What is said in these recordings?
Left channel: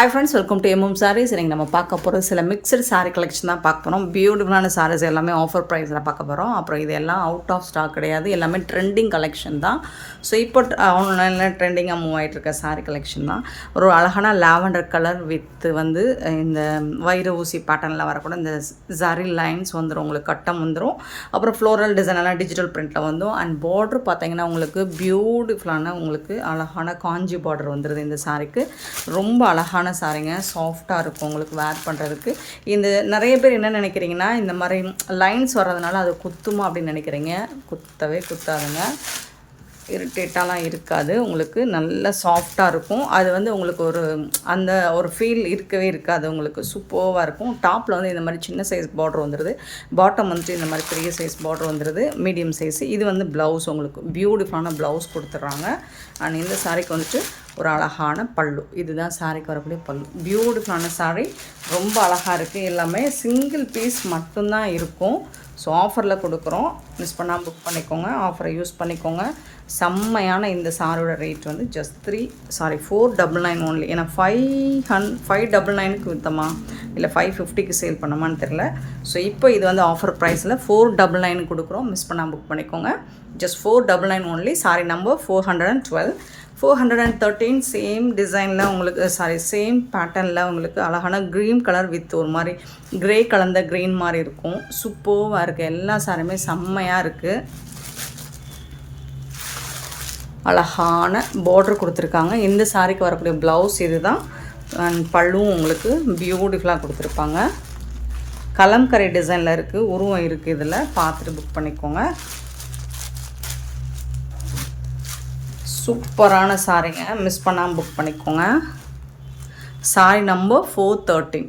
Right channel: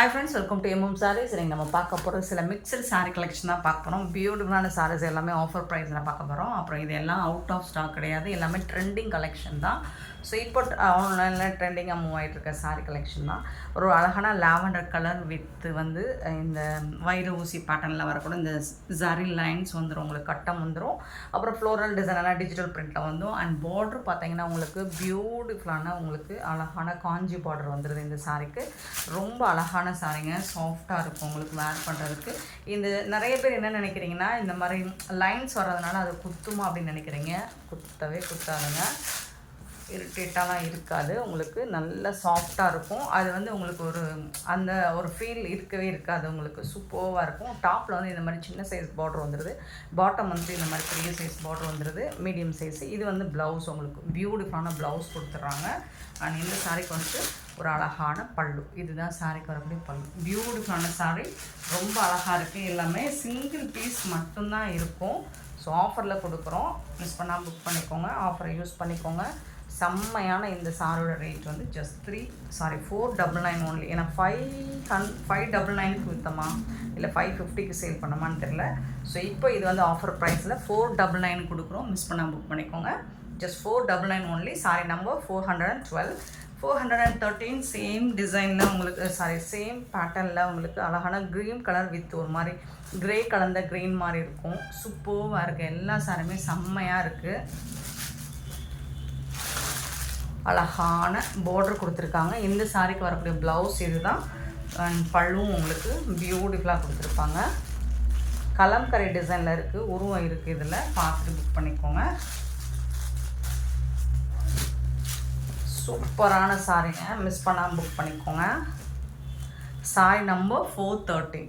Hi friends, welcome to MM sarees. இன்றைக்கி நம்ம பார்க்க போகிறது சில மிக்சடு சாரீ கலெக்ஷன் தான் பார்க்க போகிறோம். பியூட்டிஃபுல்லான சாரீஸ் எல்லாமே ஆஃபர் ப்ரைஸில் பார்க்க போகிறோம். அப்புறம் இது எல்லாம் அவுட் ஆஃப் ஸ்டாக் கிடையாது, எல்லாமே ட்ரெண்டிங் கலெக்ஷன் தான். ஸோ இப்போ ஆன்லைனில் ட்ரெண்டிங்காக மூவ் ஆகிட்டு இருக்க சாரீ கலெக்ஷன் தான். ஒரு அழகான லாவெண்டர் கலர் வித் வந்து இந்த வைர ஊசி பேட்டர்னில் வரக்கூட இந்த சாரி லைன்ஸ் வந்துடும், உங்களுக்கு கட்டம் வந்துடும். அப்புறம் ஃப்ளோரல் டிசைன் எல்லாம் டிஜிட்டல் பிரிண்ட்டில் வந்துடும். அண்ட் பார்டர் பார்த்தீங்கன்னா உங்களுக்கு பியூட்டிஃபுல்லான உங்களுக்கு அழகான காஞ்சி பார்டர் வந்துடுது. இந்த சாரீக்கு ரொம்ப அழகான சாரீங்க, சாஃப்டாக இருக்கும் உங்களுக்கு வேர் பண்ணுறதுக்கு. இந்த நிறைய பேர் என்ன நினைக்கிறீங்கன்னா, இந்த மாதிரி லைன்ஸ் வர்றதுனால அது குத்துமா அப்படின்னு நினைக்கிறீங்க. குத்தவே குத்தாதுங்க, இரிட்டேட்டாலாம் இருக்காது. உங்களுக்கு நல்ல சாஃப்டாக இருக்கும். அது வந்து உங்களுக்கு அந்த ஒரு ஃபீல் இருக்கவே இருக்காது. உங்களுக்கு சூப்பராக இருக்கும். டாப்பில் வந்து இந்த மாதிரி சின்ன சைஸ் பார்டர் வந்துடுது, பாட்டம் வந்து இந்த மாதிரி பெரிய சைஸ் பார்டர் வந்துடுது, மீடியம் சைஸ். இது வந்து ப்ளவுஸ், உங்களுக்கு பியூட்டிஃபுல்லான ப்ளவுஸ் கொடுத்துட்றாங்க. அண்ட் இந்த சாரீக்கு வந்துட்டு ஒரு அழகான பல்லு. இதுதான் சாரீக்கு வரக்கூடிய பல்லு. பியூட்டிஃபுல்லான சாரீ, ரொம்ப அழகாக இருக்குது. எல்லாமே சிங்கிள் பீஸ் மட்டும்தான் இருக்கும். ஸோ ஆஃபரில் கொடுக்குறோம், மிஸ் பண்ணாமல் புக் பண்ணிக்கோங்க, ஆஃபரை யூஸ் பண்ணிக்கோங்க. செம்மையான இந்த சாரியோட ரேட் வந்து ஜஸ்ட் 499 ஓன்லி. ஏன்னா 599க்கு விற்றமா இல்லை 550க்கு சேல் பண்ணமான்னு தெரில. ஸோ இப்போ இது வந்து ஆஃபர் ப்ரைஸில் 499 கொடுக்குறோம், மிஸ் பண்ணாமல் புக் பண்ணிக்கோங்க. Just 499 only. Sorry number 412. 413 same டிசைனில் உங்களுக்கு சேம் பேட்டர்னில் உங்களுக்கு அழகான க்ரீன் கலர் வித் ஒரு மாதிரி க்ரே கலந்த க்ரீன் மாதிரி இருக்கும். சூப்பராக இருக்குது. எல்லா சாரியுமே செம்மையாக இருக்குது. அழகான பார்டர் கொடுத்துருக்காங்க. இந்த சாரிக்கு வரக்கூடிய ப்ளவுஸ் இது தான். அண்ட் பல்லுவும் உங்களுக்கு பியூட்டிஃபுல்லாக கொடுத்துருப்பாங்க. கலம்கரை டிசைனில் இருக்குது, உருவம் இருக்குது. இதில் பார்த்துட்டு புக் பண்ணிக்கோங்க. சூப்பரான சாரிங்க, மிஸ் பண்ணாமல் புக் பண்ணிக்கோங்க. Sorry number 413.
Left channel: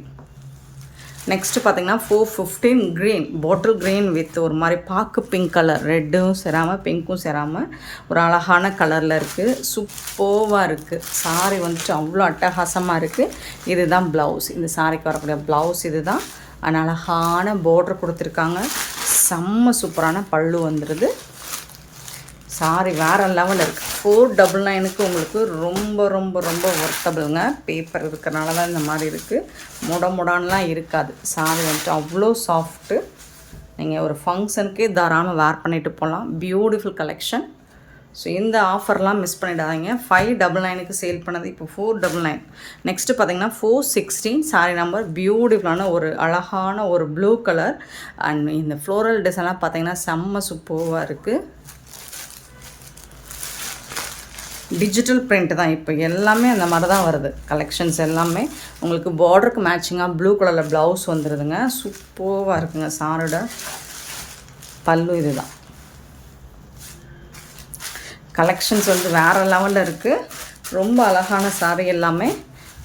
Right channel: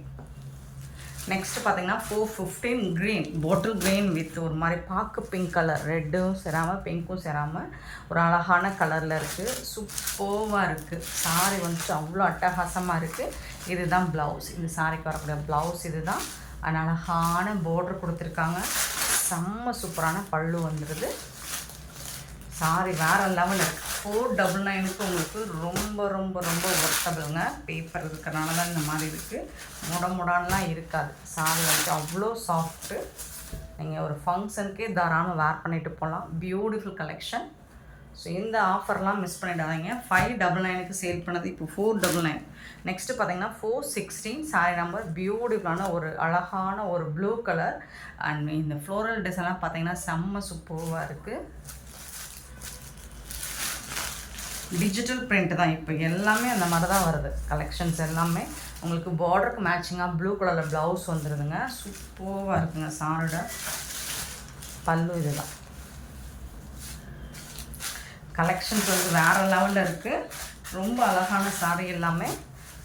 நெக்ஸ்ட்டு பார்த்தீங்கன்னா 415 க்ரீன், பாட்டில் க்ரீன் வித் ஒரு மாதிரி பாக்கு பிங்க் கலர், ரெட்டும் சேராமல் பிங்க்கும் சேராமல் ஒரு அழகான கலரில் இருக்குது. சூப்பராக இருக்குது. சாரி வந்துட்டு அவ்வளோ அட்டகாசமாக இருக்குது. இதுதான் ப்ளவுஸ். இந்த சாரிக்கு வரக்கூடிய ப்ளவுஸ் இது தான். அண்ட் அழகான பார்டர் கொடுத்துருக்காங்க. செம்ம சூப்பரான பல்லு வந்துடுது. சாரி வேறு லெவலில் இருக்குது. 499க்கு உங்களுக்கு ரொம்ப ரொம்ப ரொம்ப ஒர்த்தபிளுங்க. பேப்பர் இருக்கிறனால தான் இந்த மாதிரி இருக்குது. முடான்லாம் இருக்காது. சாரி வந்துட்டு அவ்வளோ சாஃப்ட்டு. நீங்கள் ஒரு ஃபங்க்ஷனுக்கே தாராளமாக வேர் பண்ணிவிட்டு போகலாம். Beautiful collection. ஸோ இந்த ஆஃபர்லாம் மிஸ் பண்ணிடாதீங்க. 599க்கு சேல் பண்ணது இப்போ 499. நெக்ஸ்ட்டு பார்த்தீங்கன்னா 416 சாரி நம்பர். பியூட்டிஃபுல்லான ஒரு அழகான ஒரு ப்ளூ கலர். அண்ட் இந்த ஃப்ளோரல் டிசைன்லாம் பார்த்தீங்கன்னா செம்ம சூப்பராக இருக்குது. டிஜிட்டல் பிரிண்ட் தான். இப்போ எல்லாமே அந்த மாதிரி தான் வருது. கலெக்ஷன்ஸ் எல்லாமே உங்களுக்கு பார்டருக்கு மேட்சிங்காக ப்ளூ கலரில் ப்ளவுஸ் வந்துடுதுங்க. சூப்பராக இருக்குங்க. சாரோட பல்லு இது தான். கலெக்ஷன்ஸ் வந்து வேறு லெவலில் இருக்குது. ரொம்ப அழகான சாரி எல்லாமே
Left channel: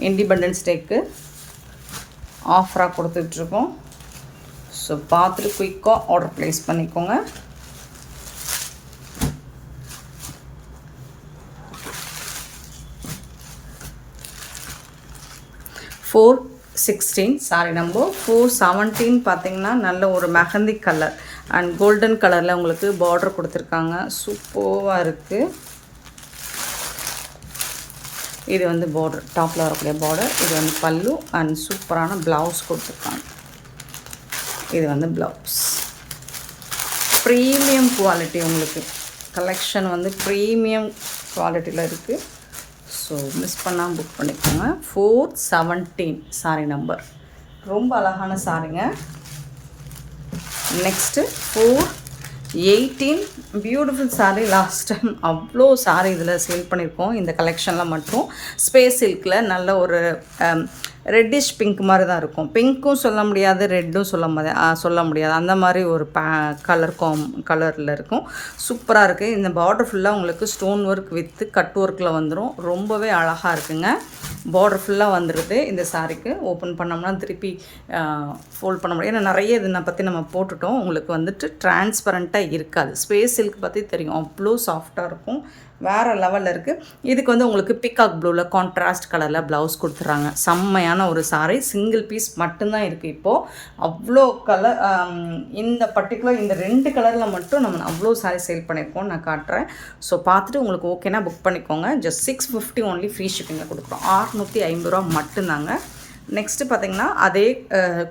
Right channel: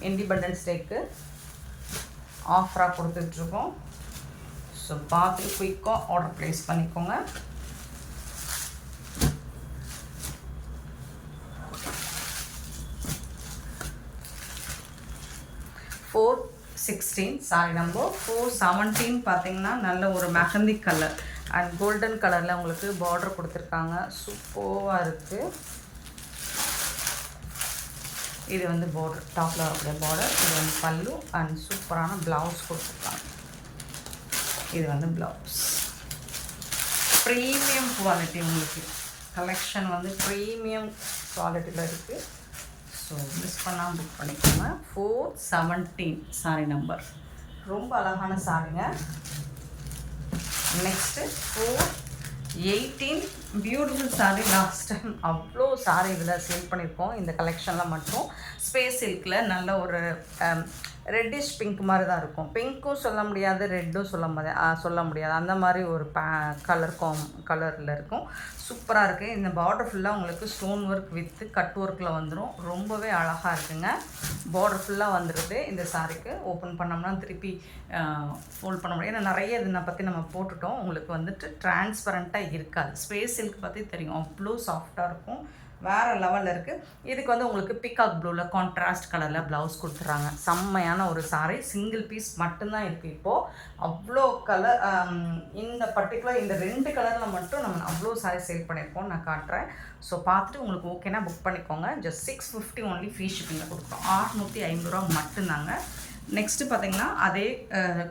இண்டிபெண்டன்ஸ் டேக்கு ஆஃபராக கொடுத்துட்ருக்கோம். ஸோ பார்த்துட்டு குயிக்காக ஆர்டர் ப்ளேஸ் பண்ணிக்கோங்க. $416 சாரி நம்பர். 417 பார்த்தீங்கன்னா நல்ல ஒரு மெஹந்தி கலர் அண்ட் கோல்டன் கலரில் உங்களுக்கு பார்டர் கொடுத்துருக்காங்க. சூப்பராக இருக்குது. இது வந்து பார்டர், டாப்பில் வரக்கூடிய பார்டர். இது வந்து பல்லு அண்ட் சூப்பரான ப்ளவுஸ் கொடுத்துருக்காங்க. இது வந்து ப்ளவுஸ். ப்ரீமியம் குவாலிட்டி உங்களுக்கு கலெக்ஷன் வந்து ப்ரீமியம் குவாலிட்டியில் இருக்குது. ஸோ மிஸ் பண்ணாமல் புக் பண்ணிக்கோங்க. 417 சாரி நம்பர். ரொம்ப அழகான சாரிங்க. Next 418 beautiful sorry. Last time அவ்வளோ சாரி இதில் சேல் பண்ணியிருக்கோம். இந்த கலெக்ஷனில் மட்டும் ஸ்பேஸ் சில்கில் நல்ல ஒரு ரெட்டிஷ் பிங்க் மாதிரி தான் இருக்கும். பிங்க்கும் சொல்ல முடியாது, ரெட்டும் சொல்ல முடியாது. அந்த மாதிரி ஒரு கலரில் இருக்கும். சூப்பராக இருக்குது. இந்த பார்டர் ஃபுல்லாக உங்களுக்கு ஸ்டோன் ஒர்க் வித்து கட் ஒர்க்கில் வந்துடும். ரொம்பவே அழகாக இருக்குங்க. பார்டர் ஃபுல்லாக வந்துடுது. இந்த சாரிக்கு ஓப்பன் பண்ணோம்னா திருப்பி ஃபோல்ட் பண்ண முடியும். ஏன்னா நிறைய இதை பற்றி நம்ம போட்டுட்டோம். உங்களுக்கு வந்துட்டு டிரான்ஸ்பரண்ட்டாக இருக்காது. ஸ்பேஸ் சில்க் பற்றி தெரியும், அவ்வளோ சாஃப்டாக இருக்கும். வேறு லெவலில் இருக்குது. இதுக்கு வந்து உங்களுக்கு பிகாக் ப்ளூவில் கான்ட்ராஸ்ட் கலரில் ப்ளவுஸ் கொடுத்துட்றாங்க. செம்மையான ஒரு சாரீ, சிங்கிள் பீஸ் மட்டும்தான் இருக்குது இப்போது. அவ்வளோ கலர், இந்த பர்டிகுலர் இந்த 2 கலரில் மட்டும் நம்ம அவ்வளோ சாரீ சேல் பண்ணியிருக்கோம். நான் காட்டுறேன். ஸோ பார்த்துட்டு உங்களுக்கு ஓகேனா புக் பண்ணிக்கோங்க. ஜஸ்ட் 650 ஒன்லி ஃப்ரீ ஷிப்பிங்கில் கொடுக்குறோம். 650 ரூபா மட்டும்தாங்க. நெக்ஸ்ட்டு பார்த்திங்கன்னா அதே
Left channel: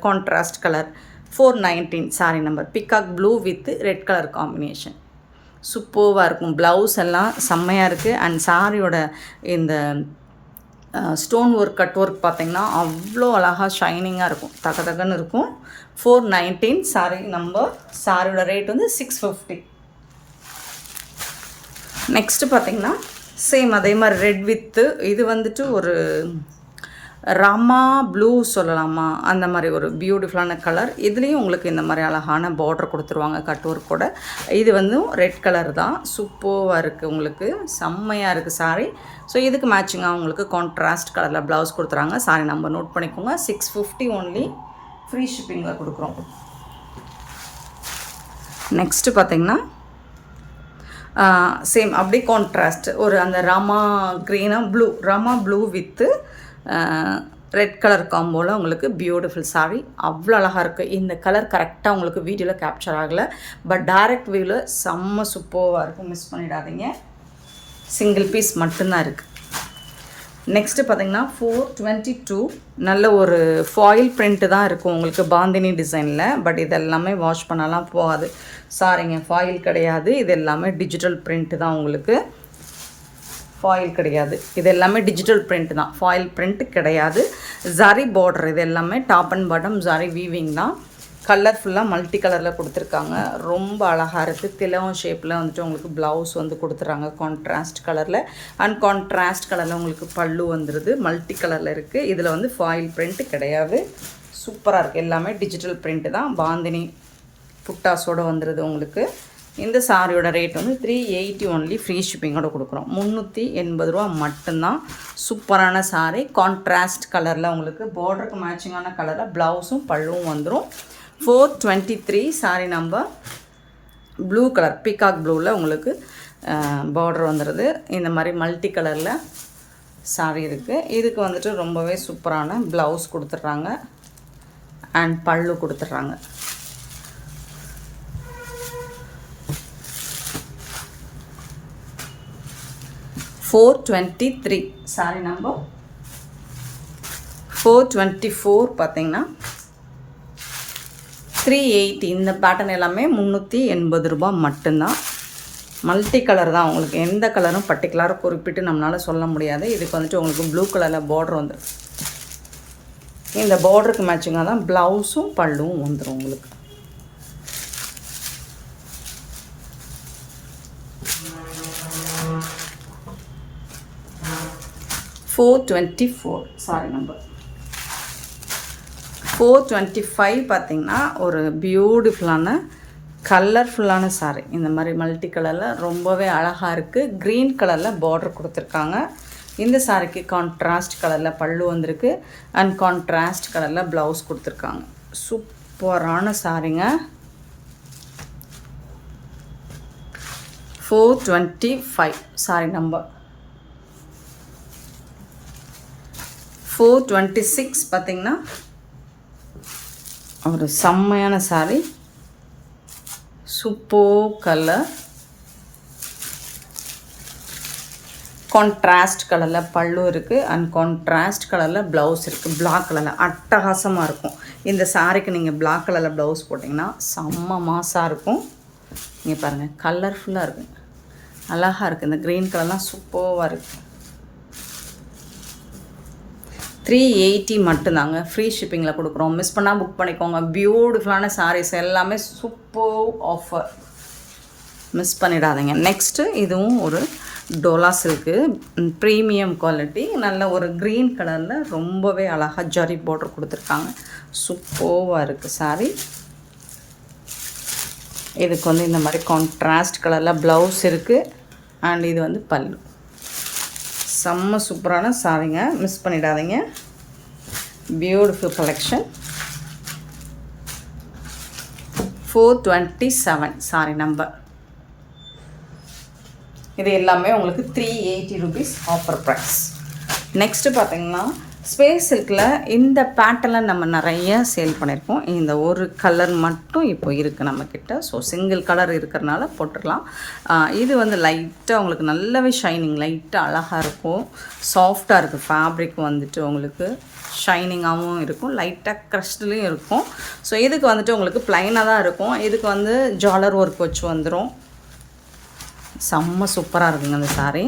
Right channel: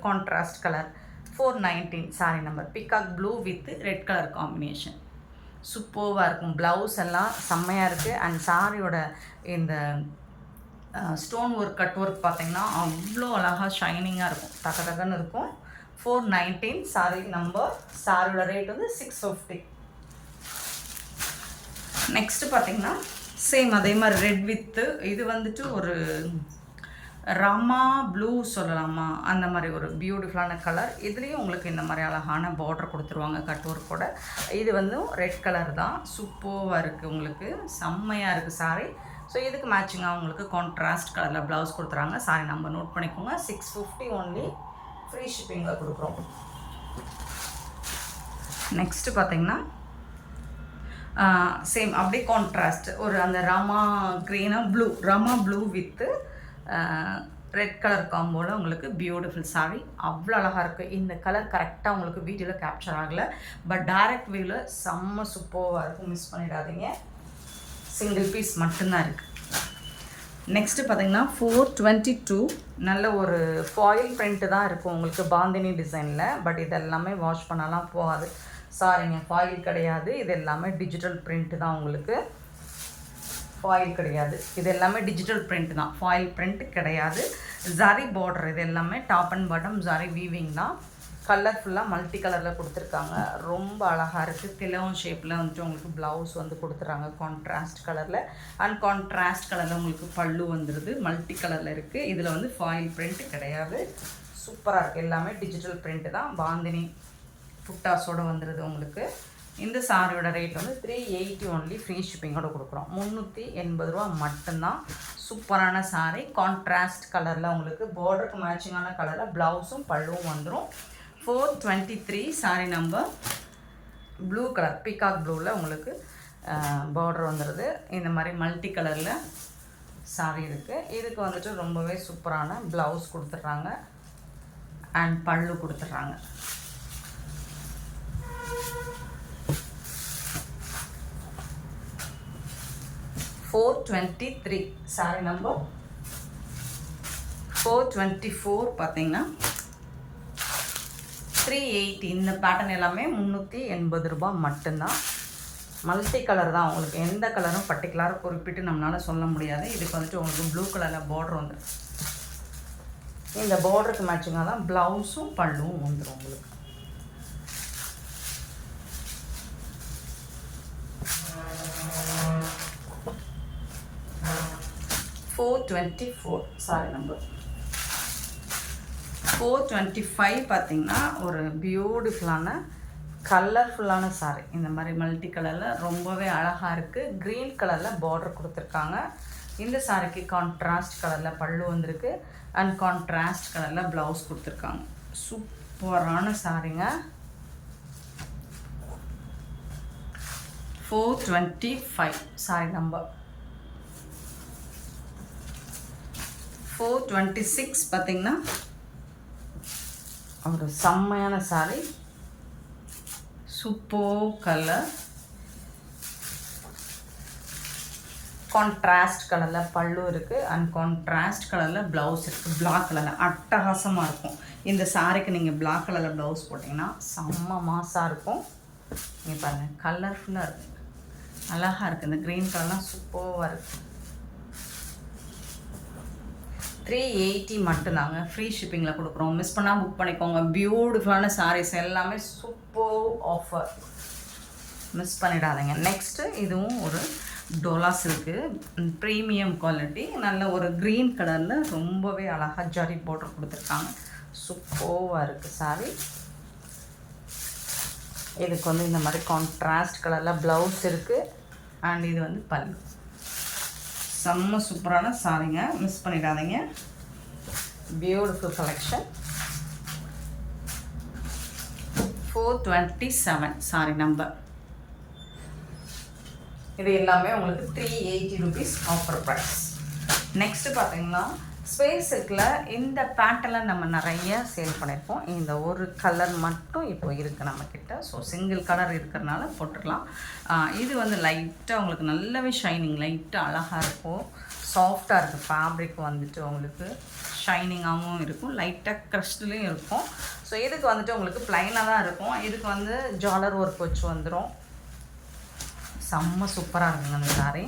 contrast colour 419 sari number, peacock blue with red colour combination. சூப்பராக இருக்கும். ப்ளவுஸ் எல்லாம் செம்மையாக இருக்குது. அண்ட் சாரியோட இந்த ஸ்டோன் ஒர்க், கட் ஒர்க் பார்த்திங்கன்னா அவ்வளோ அழகாக ஷைனிங்காக இருக்கும், தகன்னு இருக்கும். 419 சாரி நம்பர். சாரியோட ரேட் வந்து 650. நெக்ஸ்ட்டு பார்த்திங்கன்னா சேம் அதே மாதிரி ரெட் வித்து, இது வந்துட்டு ஒரு ராமா ப்ளூ சொல்லலாமா, அந்த மாதிரி ஒரு பியூட்டிஃபுல்லான கலர். இதுலேயும் உங்களுக்கு இந்த மாதிரி அழகான பார்டர் கொடுத்துருவாங்க கட் ஒர்க் கூட. இது வந்து ரெட் கலர் தான். சூப்பராக இருக்குது, உங்களுக்கு செம்மையாக இருக்குது சாரீ. ஸோ இதுக்கு மேட்சிங்காக உங்களுக்கு கான்ட்ராஸ்ட் கலரில் ப்ளவுஸ் கொடுத்துறாங்க. சாரீ நம்பர் நோட் பண்ணிக்கோங்க. 650 ஒன்லி ஃப்ரீ ஷிப்பிங்கில் கொடுக்குறோம். நெக்ஸ்ட்டு பார்த்திங்கன்னா சேம் அப்படியே கான்ட்ராஸ்ட் ஒரு அந்த ராமா க்ரீனாக blue, rama blue with red colour காம்போவில் உங்களுக்கு பியூட்டிஃபுல் சாரீ. அவ்வளோ அழகாக இருக்குது. இந்த கலர் கரெக்டாக உங்களுக்கு வீடியோவில் கேப்சர் ஆகலை, பட் டைரக்ட் வியூவில் செம்ம சூப்பராக இருக்கும். மிஸ் பண்ணிடாதீங்க. சிங்கிள் பீஸ் மட்டும்தான் இருக்குது. நெக்ஸ்ட்டு பார்த்திங்கன்னா 422 நல்ல ஒரு ஃபாயில் பிரிண்ட்டு தான் இருக்கும் உங்களுக்கு, பாந்தினி டிசைனில். பட் இதெல்லாமே வாஷ் பண்ணலாம் போகாது சாரிங்க. ஃபாயில் கிடையாது, இது எல்லாமே டிஜிட்டல் பிரிண்ட்டு தான் உங்களுக்கு. ஃபாயில் கிடையாது, இது எல்லாமே டிஜிட்டல் பிரிண்ட் தான், ஃபாயில் பிரிண்ட் கிடையாது. ஜரி பார்டர், இது எல்லாமே top and bottom zari weaving தான். கலர்ஃபுல்லாக மல்டி கலரில் கொடுத்துருக்காங்க. ரொம்ப அழகாக இருக்குது. திலகம் ஷேப்பில் வந்துட்டு உங்களுக்கு ப்ளவுஸ் வந்து கொடுத்துட்றாங்க கான்ட்ராஸ்ட் கலரில். அண்ட் கான்ட்ராஸ்ட் கலரில் உங்களுக்கு பல்லு வந்துடுது, மல்டி கலரில் இருக்குது. இதில் வந்து ஃபாயில் பிரிண்ட் கிடையாது. சூப்பராக இருக்குது. எல்லாமே டிஜிட்டல் பிரிண்ட்டு தான். பாந்தினி புட்டாஸோடு வந்துடுது உங்களுக்கு. இந்த சாரியோட ரேட் வந்து 380 ஒன்லி ஃப்ரீ ஷிப்பிங்கோட கொடுக்குறோம். 380 ரூபா மட்டும்தான். சூப்பரான சாரீ, கான்ட்ராஸ்ட் கலரில் உங்களுக்கு பார்டருக்கு மேட்சிங்கான கலரில் ப்ளவுஸும் பல்லுவும் வந்துடும். 423 sari number. Blue colour, peacock ப்ளூவில் உங்களுக்கு பார்டர் வந்துடுது. இந்த மாதிரி மல்டி கலரில் சாரீ இருக்குது. இதுக்கு வந்துட்டு ரொம்பவே சூப்பரான ப்ளவுஸ் கொடுத்துட்றாங்க அண்ட் பல்லு கொடுத்துட்றாங்க. 423 சாரி நம்பர். 424 பார்த்தீங்கன்னா 380. இந்த பேட்டர்ன் எல்லாமே 380 ரூபா மட்டும்தான். மல்டி கலர் தான் உங்களுக்கு. எந்த கலரும் பர்டிகுலராக குறிப்பிட்டு நம்மளால் சொல்ல முடியாது. இதுக்கு வந்துட்டு உங்களுக்கு ப்ளூ கலரில் பார்டர் வந்துடும். இந்த பார்டருக்கு மேட்சிங்காக தான் ப்ளவுஸும் பல்லுவும் வந்துடும் உங்களுக்கு. 424 சாரி நம்பர். 425 பார்த்திங்கன்னா ஒரு பியூட்டிஃபுல்லான கலர்ஃபுல்லான சாரீ. இந்த மாதிரி மல்டி கலரில் ரொம்பவே அழகாக இருக்குது. க்ரீன் கலரில் பார்டர் கொடுத்துருக்காங்க. இந்த சாரிக்கு கான்ட்ராஸ்ட் கலரில் பல்லு வந்திருக்கு அண்ட் கான்ட்ராஸ்ட் கலரில் ப்ளவுஸ் கொடுத்துருக்காங்க. சூப்பரான சாரீங்க. 425 சாரி நம்பர். 426 பார்த்திங்கன்னா ஒரு செம்மையான சாரீ. சூப்பர் கலர், கான்ட்ராஸ்ட் கலரில் பல்லு இருக்குது அண்ட் கான்ட்ராஸ்ட் கலரில் ப்ளவுஸ் இருக்குது. பிளாக் கலரில் அட்டகாசமாக இருக்கும். இந்த சாரீக்கு நீங்கள் பிளாக் கலரில் ப்ளவுஸ் போட்டிங்கன்னா செம்ம மாசாக இருக்கும். இங்கே பாருங்கள், கலர்ஃபுல்லாக இருக்குது, அழகாக இருக்குது. இந்த க்ரீன் கலர்லாம் சூப்பராக இருக்குது. 380 மட்டும்தாங்க ஃப்ரீ ஷிப்பிங்கில் கொடுக்குறோம். மிஸ் பண்ணால் புக் பண்ணிக்கோங்க. பியூட்டிஃபுல்லான சாரீஸ் எல்லாமே சூப்பர் ஆஃபர், மிஸ் பண்ணிடாதீங்க. நெக்ஸ்ட்டு இதுவும் ஒரு டோலா சில்க்கு, ப்ரீமியம் குவாலிட்டி. நல்ல ஒரு க்ரீன் கலரில் ரொம்பவே அழகாக ஜரி பார்டர் கொடுத்துருக்காங்க. சூப்பராக இருக்குது சாரீ. இதுக்கு வந்து இந்த மாதிரி கான்ட்ராஸ்ட் கலரில் ப்ளவுஸ் இருக்குது அண்ட் இது வந்து பல்லு. செம்ம சூப்பரான சாரீங்க, மிஸ் பண்ணிடாதீங்க. Beautiful collection. 427 sorry number. இது எல்லாமே உங்களுக்கு 380 rupees ஆஃபர் ப்ரைஸ். நெக்ஸ்ட்டு பார்த்தீங்கன்னா ஸ்பேஸ் சில்கில் இந்த பேட்டர்னில் நம்ம நிறைய சேல் பண்ணியிருக்கோம். இந்த ஒரு கலர் மட்டும் இப்போ இருக்குது நம்மக்கிட்ட. ஸோ சிங்கிள் கலர் இருக்கிறனால போட்டுடலாம். இது வந்து லைட்டாக உங்களுக்கு நல்லாவே ஷைனிங், லைட்டாக அழகாக இருக்கும், சாஃப்டாக இருக்குது. ஃபேப்ரிக் வந்துட்டு உங்களுக்கு ஷைனிங்காகவும் இருக்கும், லைட்டாக க்ரஷ்ட்லேயும் இருக்கும். ஸோ இதுக்கு வந்துட்டு உங்களுக்கு ப்ளைனாக தான் இருக்கும். இதுக்கு வந்து ஜாலர் ஒர்க் வச்சு வந்துடும். செம்ம சூப்பராக இருக்குங்க இந்த சாரீ.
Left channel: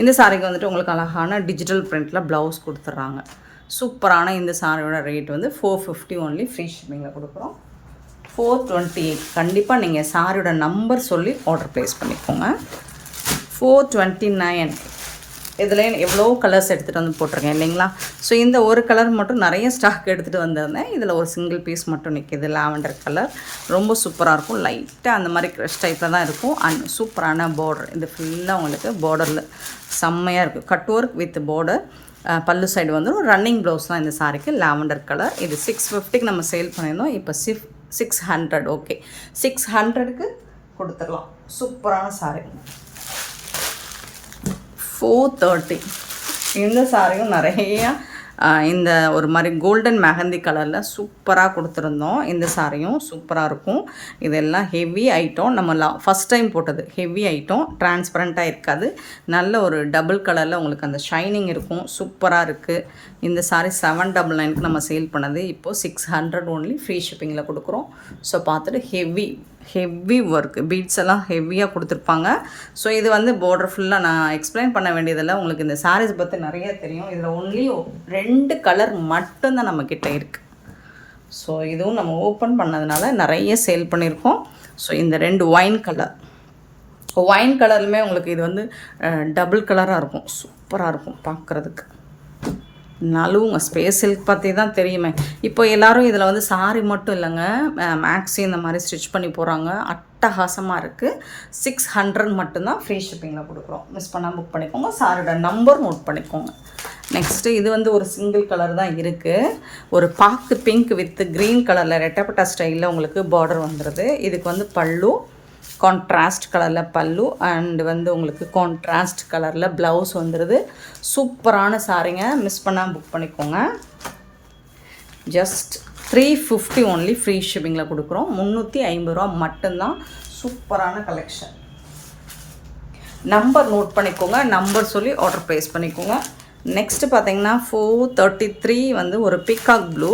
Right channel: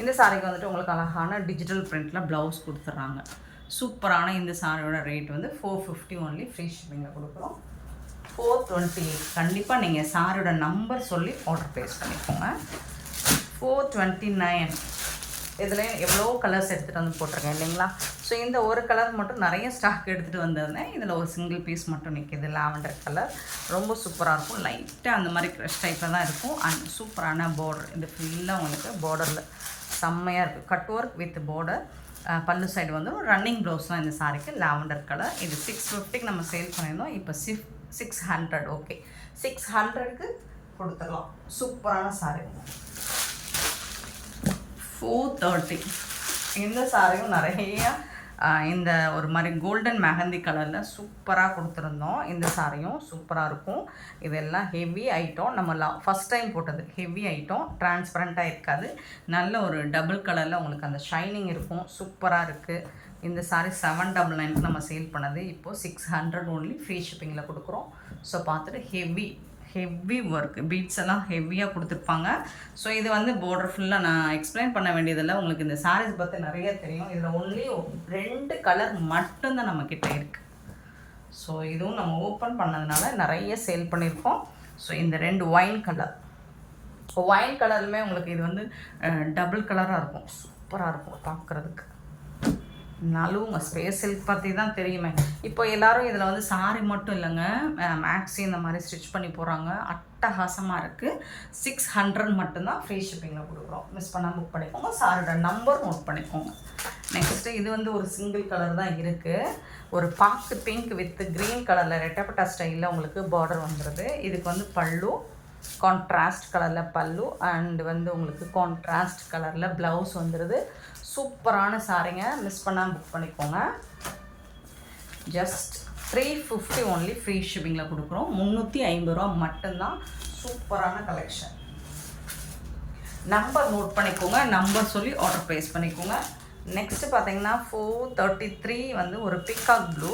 இந்த சாரீக்கு வந்துட்டு உங்களுக்கு அழகான டிஜிட்டல் பிரிண்டில் ப்ளவுஸ் கொடுத்துட்றாங்க. சூப்பரான இந்த சாரியோட ரேட் வந்து 450 ஒன்லி, ஃப்ரீ ஷிப்பிங்கில் கொடுக்குறோம். 428. கண்டிப்பாக நீங்கள் சாரியோட நம்பர் சொல்லி ஆர்டர் ப்ளேஸ் பண்ணிக்கோங்க. 429. இதில் எவ்வளோ கலர்ஸ் எடுத்துகிட்டு வந்து போட்டிருக்கேன் இல்லைங்களா? ஸோ இந்த ஒரு கலர் மட்டும் நிறைய ஸ்டாக் எடுத்துகிட்டு வந்திருந்தேன். இதில் ஒரு சிங்கிள் பீஸ் மட்டும் நிற்கிது, லாவெண்டர் கலர். ரொம்ப சூப்பராக இருக்கும், லைட்டாக அந்த மாதிரி க்ரஷ் டைப்பில் தான் இருக்கும். அண்ட் சூப்பரான பார்டர், இது ஃபுல்லாக உங்களுக்கு பார்டரில் செம்மையாக இருக்குது. Cut work with border. பல்லு சைடு வந்து ஒரு ரன்னிங் ப்ளவுஸ் தான் இந்த சாரிக்கு, லாவெண்டர் கலர். இது 650க்கு நம்ம சேல் பண்ணியிருந்தோம். இப்போ 600. ஓகே, 600க்கு கொடுத்துடலாம். சூப்பரான சாரி. 430. இந்த சாரியும் நிறைய இந்த ஒரு மாதிரி கோல்டன் மெஹந்தி கலரில் சூப்பராக கொடுத்துருந்தோம். இந்த சாரியும் சூப்பராக இருக்கும். இதெல்லாம் ஹெவி ஐட்டம். நம்ம ஃபஸ்ட் டைம் போட்டது ஹெவி ஐட்டம், டிரான்ஸ்பரண்ட்டாக இருக்காது. நல்ல ஒரு டபுள் கலரில் உங்களுக்கு அந்த ஷைனிங் இருக்கும். சூப்பராக இருக்குது. இந்த சாரி 799க்கு நம்ம சேல் பண்ணது இப்போது 600 ஒன்லி, ஃப்ரீ ஷிப்பிங்கில் கொடுக்குறோம். ஸோ பார்த்துட்டு ஹெவி ஒர்க், பீட்ஸ் எல்லாம் ஹெவியாக கொடுத்துருப்பாங்க. ஸோ இது வந்து பார்டர் ஃபுல்லாக நான் எக்ஸ்பிளைன் பண்ண வேண்டியதில்லை, உங்களுக்கு இந்த சாரீஸ் பற்றி நிறைய தெரியும். இதில் ஒன்லி 2 கலர் மட்டும்தான் நம்மக்கிட்ட இருக்குது. ஸோ இதுவும் நம்ம ஓப்பன் பண்ணதுனால நிறைய சேல் பண்ணியிருக்கோம். ஸோ இந்த 2 ஒயின் கலருமே உங்களுக்கு இது வந்து டபுள் கலராக இருக்கும். சூப்பராக இருக்கும் பார்க்குறதுக்கு. நலுவுங்க. ஸ்பேஸ் சில்க் பற்றி தான் தெரியுமே. இப்போ எல்லோரும் இதில் வந்து சாரி மட்டும் இல்லைங்க, மேக்ஸி இந்த மாதிரி ஸ்டிச் பண்ணி போகிறாங்க. அட்டகாசமாக இருக்குது. 600 மட்டும்தான், ஃப்ரீ ஷிப்பிங்கில் கொடுக்குறோம். மிஸ் பண்ணால் புக் பண்ணிக்கோங்க. சாரியோட நம்பர் நோட் பண்ணிக்கோங்க. நெக்ஸ்ட்டு இது வந்து ஒரு சிங்கிள் கலர் தான் இருக்குது. ஒரு பாக்கு பிங்க் வித் க்ரீன் கலரில் ரெட்டப்பட்டா ஸ்டைலில் உங்களுக்கு பார்டர் வந்துடுது. இதுக்கு வந்து பல்லு கான்ட்ராஸ்ட் கலரில் பல்லு, அண்டு வந்து உங்களுக்கு கான்ட்ராஸ்ட் கலரில் ப்ளவுஸ் வந்துடுது. சூப்பரான சாரிங்க, மிஸ் பண்ணாமல் புக் பண்ணிக்கோங்க. ஜஸ்ட் 350 ஒன்லி, ஃப்ரீ ஷிப்பிங்கில் கொடுக்குறோம். 350 ரூபா மட்டும்தான். சூப்பரான கலெக்ஷன். நம்பர் நோட் பண்ணிக்கோங்க, நம்பர் சொல்லி ஆர்டர் ப்ளேஸ் பண்ணிக்கோங்க. நெக்ஸ்ட்டு பார்த்தீங்கன்னா 433 வந்து ஒரு பீகாக் ப்ளூ,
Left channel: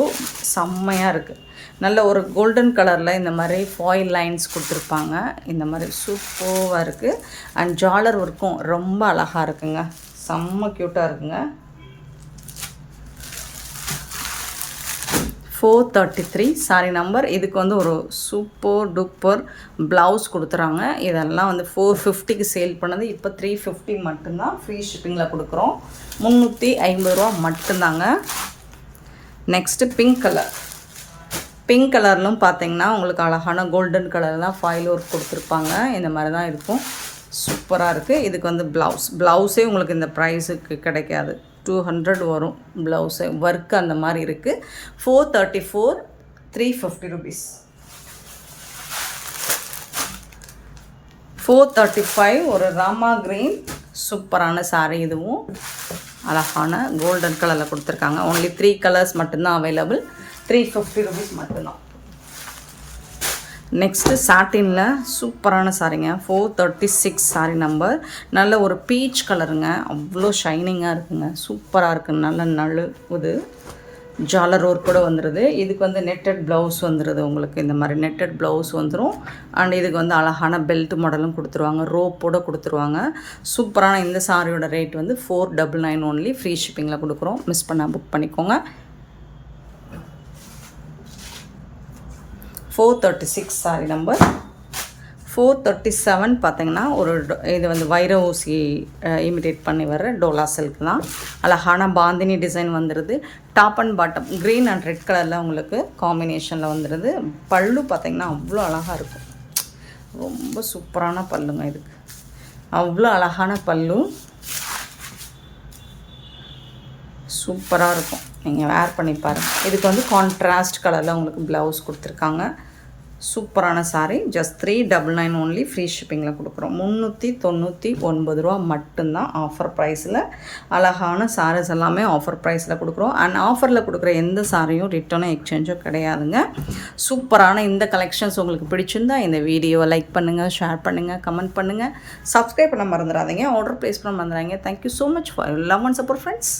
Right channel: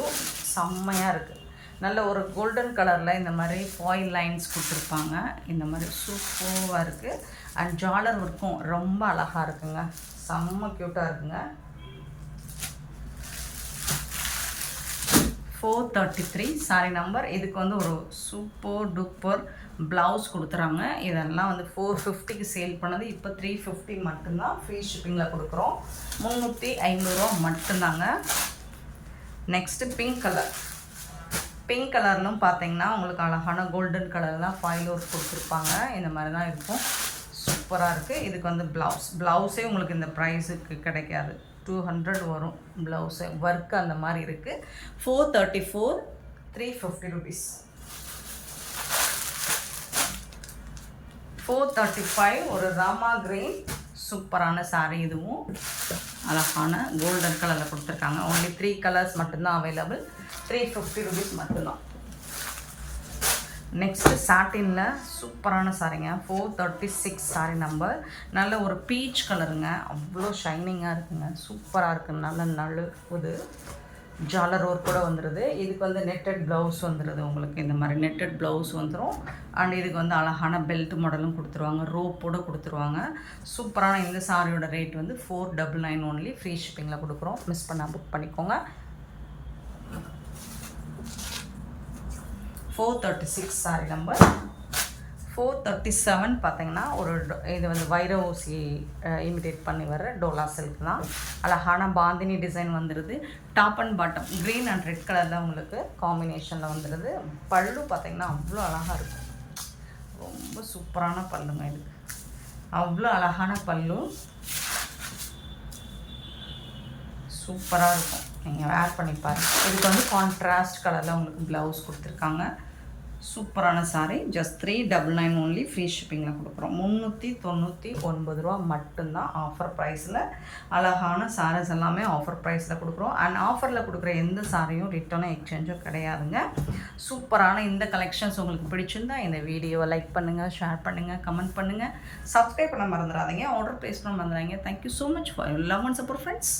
செம்மையாக இருக்குது. நல்ல ஒரு கோல்டன் கலரில் இந்த மாதிரி ஃபாயில் லைன்ஸ் கொடுத்துருப்பாங்க. இந்த மாதிரி சூப்பராக இருக்குது. அண்ட் ஜாலர் ஒர்க்கும் ரொம்ப அழகாக இருக்குங்க, செம்ம க்யூட்டாக இருக்குங்க. 433 சாரி நம்பர். இதுக்கு வந்து ஒரு சூப்பர் டூப்பர் ப்ளவுஸ் கொடுத்துறாங்க. இதெல்லாம் வந்து 450க்கு சேல் பண்ணது இப்போ 350 மட்டும்தான், ஃப்ரீ ஷிப்பிங்கில் கொடுக்குறோம். 350 ரூபா மட்டும்தாங்க. நெக்ஸ்ட்டு பிங்க் கலர்லும் பார்த்தீங்கன்னா உங்களுக்கு அழகான கோல்டன் கலர்லாம் ஃபாயில் ஒர்க் கொடுத்துருப்பாங்க. இந்த மாதிரி தான் இருக்கும். சூப்பராக இருக்குது. இதுக்கு வந்து ப்ளவுஸே உங்களுக்கு இந்த ப்ரைஸுக்கு கிடைக்காது, 200 வரும் ப்ளவுஸு. ஒர்க் அந்த மாதிரி இருக்குது. 434, 350 rupees. 435 ஒரு ராமா கிரீன், சூப்பரான சாரீ. இதுவும் அழகான கோல்டன் கலரில் கொடுத்துருக்காங்க. ஒன்லி 3 கலர்ஸ் மட்டும்தான் அவைலபிள். 350 rupees மட்டும்தான். நெக்ஸ்ட்டு சாட்டினில் சூப்பரான சாரிங்க. 436 சாரி நம்பர். நல்ல ஒரு பீச் கலருங்க, அவ்வளோ ஷைனிங்காக இருக்குங்க, சூப்பராக இருக்குது. நல்ல நழுவுது. ஜாலர் ஒர்க் கூட வந்துடுது. இதுக்கு வந்து நெட்டட் ப்ளவுஸ் வந்துடுது. உங்களுக்கு இந்த மாதிரி நெட்டட் ப்ளவுஸ் வந்துடும். அண்ட் இதுக்கு வந்து அழகான பெல்ட் மாடலும் கொடுத்துருவாங்க, ரோப்போடு கொடுத்துருவாங்க. சூப்பரான இந்த சாரியோட ரேட் வந்து 499 ஒன்லி, ஃப்ரீ ஷிப்பிங்கில் கொடுக்குறோம். மிஸ் பண்ணால் புக் பண்ணிக்கோங்க. 436 சாரி நம்பர். 437 பார்த்தீங்கன்னா ஒரு இது வந்து வைர ஊசி இமிடேட் பண்ணி வர்ற டோலா சில்க் தான். அழகான பாந்தினி டிசைன் வந்துடுது. Top and bottom green and red கலரில் உங்களுக்கு காம்பினேஷனில் வந்துடுது. பல்லு பார்த்திங்கன்னா அவ்வளோ அழகாக இருக்கும், ரொம்ப சூப்பரான பல்லுங்க. இதுக்கு அவ்வளோ அழகான பல்லு, சூப்பராக இருக்கும். நீங்கள் வேர் பண்ணி பாருங்கள். இதுக்கு வந்து கான்ட்ராஸ்ட் கலரில் உங்களுக்கு ப்ளவுஸ் கொடுத்துருக்காங்க. சூப்பரான சாரீ. ஜஸ்ட் 399 ஒன்லி, ஃப்ரீ ஷிப்பிங்கில் கொடுக்குறோம். 399 ரூபா மட்டும்தான் ஆஃபர் ப்ரைஸில். அழகான சாரீஸ் எல்லாமே ஆஃபர் ப்ரைஸில் கொடுக்குறோம். அண்ட் ஆஃபரில் கொடுக்குற எந்த சாரியும் ரிட்டர்னும் எக்ஸ்சேஞ்சும் கிடையாதுங்க. சூப்பரான இந்த கலெக்ஷன்ஸ் உங்களுக்கு பிடிச்சிருந்தா இந்த வீடியோவை லைக் பண்ணுங்கள், ஷேர் பண்ணுங்கள், கமெண்ட் பண்ணுங்கள், சப்ஸ்கிரைப் பண்ண மறந்துடாதீங்க, ஆர்டர் ப்ளேஸ் பண்ண மறந்துடாதீங்க. Thank you so much for love and support friends.